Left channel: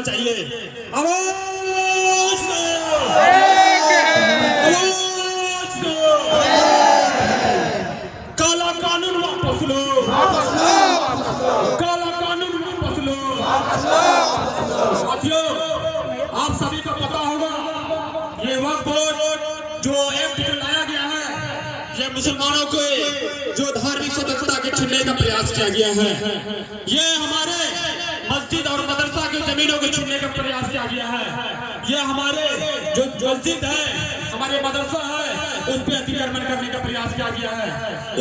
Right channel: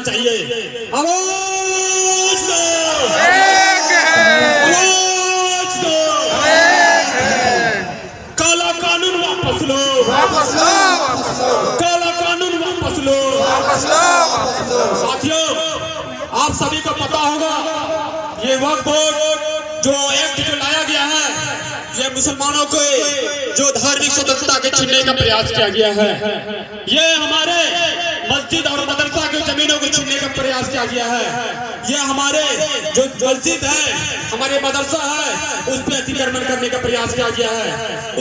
होना चाहिए। आवाज दो, एक है, आवाज दो, काला कानून वापस लो, वापस लो, वापस लो, काला कानून वापस लो, वापस लो, वापस लो। साथियों, आप सभी को पता होगा ये वक्फ बोर्ड जो एक्ट जो लाया गया है, ये मुसलमानों को जो धार्मिक स्वतंत्रता के छीनने का प्रयास किया गया है। ये हमारे मस्जिद और मदरसा की जमीनों को छीनने का प्रयास किया गया है। ये हमारे जो मस्जिद है, हमारे मदरसा है, उस पर अतिक्रमण करने का प्रयास किया गया है।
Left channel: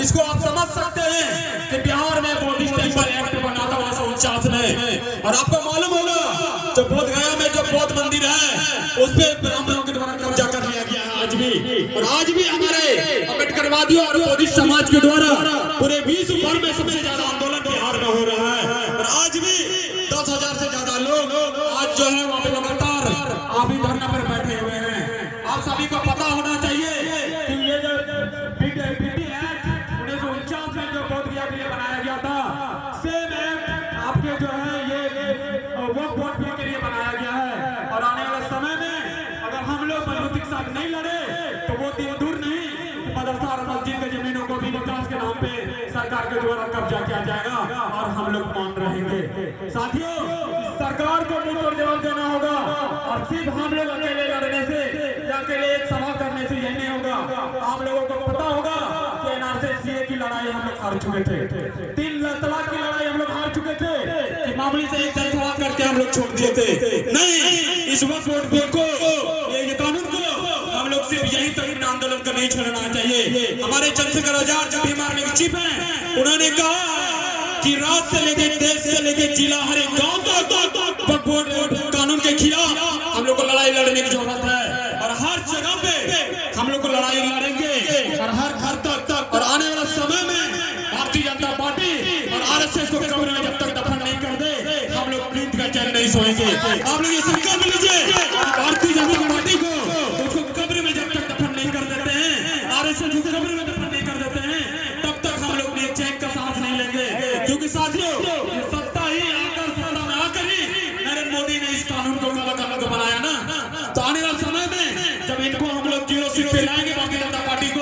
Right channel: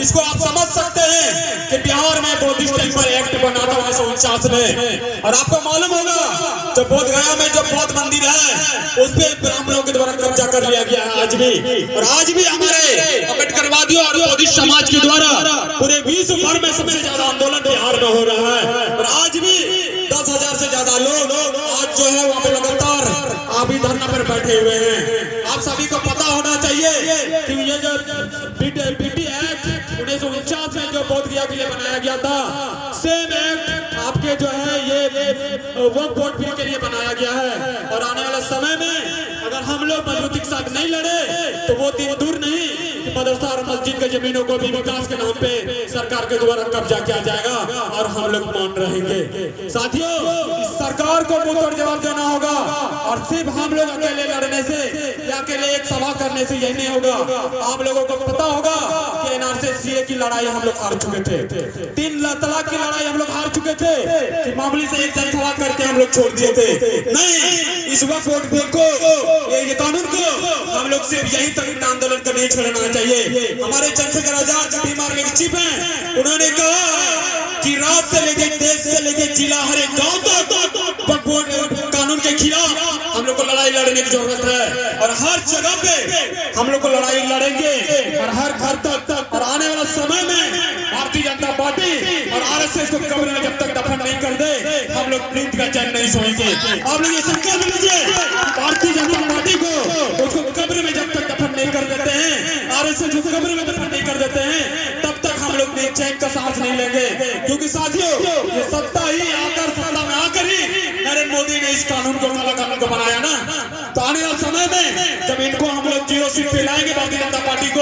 इसको आप समझ सकते हैं कि बिहार में बुद्धिस्ट टेम्पल एक्ट बना था 1949 में, और आपको मालूम होगा जो बोध गया में जो बौद्ध मंदिर है उस पर ब्राह्मणों के द्वारा कब्जा कर लिया गया है आज भी। और आज भी हमारे अम्बेडकरवादियों और बुद्धिस्ट समाज के द्वारा पूरे विश्व भर में सबसे ज्यादा आंदोलन बिहार में हो रहा है। और आज भी 10,000 से ज्यादा लोग आज जो है वहाँ पे लगातार अभी धरना पर बैठे हुए हैं। आप सभी को पता होना चाहिए कि ये जो बीटी एक्ट 1949 में जो बोध गया के लिए बनाया गया था, सेम एक्ट आपके जो है ये वक्फ बोर्ड बिल के लिए बनाया गया है। और आने वाले समय में अगर हम लोग मजबूती के साथ नहीं लड़े तो वो दिन दूर नहीं कि मदरसा और मस्जिद के जमीनों को भी विकास के नाम पे सरकार के द्वारा कब्जा किया जाएगा और हम लोग मौन रहेंगे। साथियों, इस सरकार को मुंहतोड़ जवाब देना होगा, और सिर्फ हम लोग अकेले लड़ने से या अकेले एक सभा करने से यही नहीं होगा। आप लोगों को पता होगा कि एनआरसी की लड़ाई हम लोग हार चुके थे, 3 तलाक की लड़ाई हम लोग हार चुके थे कि मामूली से एक जनसभा करके हम लोग छोड़ दिए थे। नहीं, इस वक्त बिल को, ये कानून को हम लोग सिर्फ यही तक आंदोलन को नहीं छोड़ना चाहिए। हमारे चंद्रशेखर आजाद जो भीम आर्मी के चीफ हैं, उन्होंने कहा कि राज्य से लेकर देश से लेकर जिला हर एक गांव तक कानून के खिलाफ हम लोग को लड़ाई लड़ने की जरूरत है। और हर जगह पे हम लोग को लड़ाई लड़ेंगे और हर घर तक। और आने वाले समय में भारतीय जनता पार्टी और आरएसएस को कब्र में जब तक दफन नहीं कर दे, हम लोग प्रीत का चैन नहीं सोएंगे। आप लोग ये संकल्प लीजिए, भारतीय जनता पार्टी को उसको कब्र में जब तक दफन नहीं कर देते हैं, आरएसएस को कब्र में दफन नहीं कर देते हैं, तब तक हम लोग चैन का सांस नहीं लेंगे। क्योंकि साथियों, ये सत्ता ही आकर, सत्ता में आकर ही नरेंद्र मोदी ने इस कानून को, काला कानून को बनाया ना। तो आने वाले समय में जब इनको हम लोग 0 सीट पे लाएंगे, भारतीय जनता पार्टी को,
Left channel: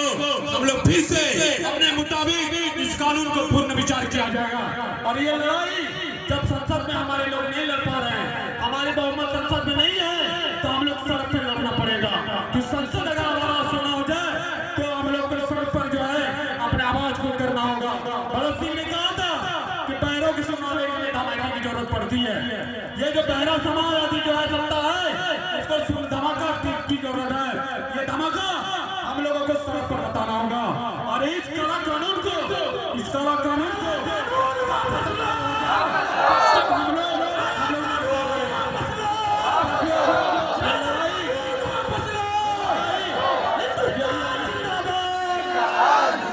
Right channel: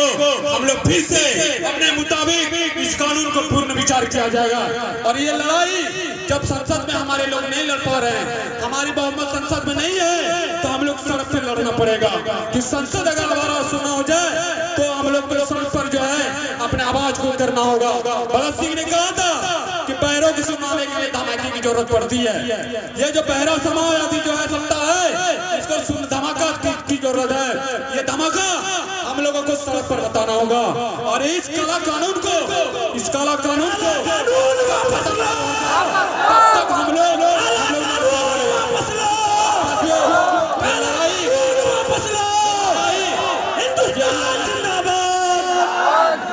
हम लोग फिर से अपने मुताबिक इस कानून को पूर्ण विचार किया जाएगा। और ये लड़ाई जब संसद में हमारे लोग नहीं लड़ पा रहे हैं, हमारी बहुमत संसद में नहीं है, तो हम लोग सड़क पे लड़ना पड़ेगा। कि संसद अगर हमारा सुनना हो जाए तो हम लोग को सड़क पर जो है अपने आवाज को करना होगा। भगत सिंह ने कहा था कि पैरों की सुनाने के लिए धमाके की जरूरत पड़ती है। ये जो बहरा समाज आदि जो है सत्ता है, इसको धमाका की जरूरत है। ये धमाका हम लोगों को सड़क पर बताना होगा। और इस काला कानून को, इस काला कानून को तब तक हम लोग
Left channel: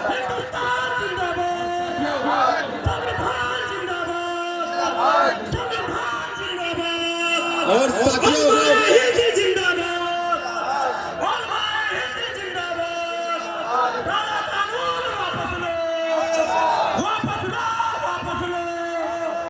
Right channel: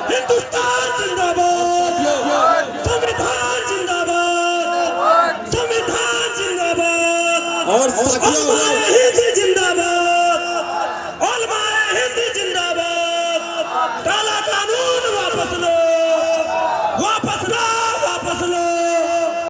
हिंदुस्तान जिंदाबाद, संविधान जिंदाबाद, संविधान जिंदाबाद। और साथियों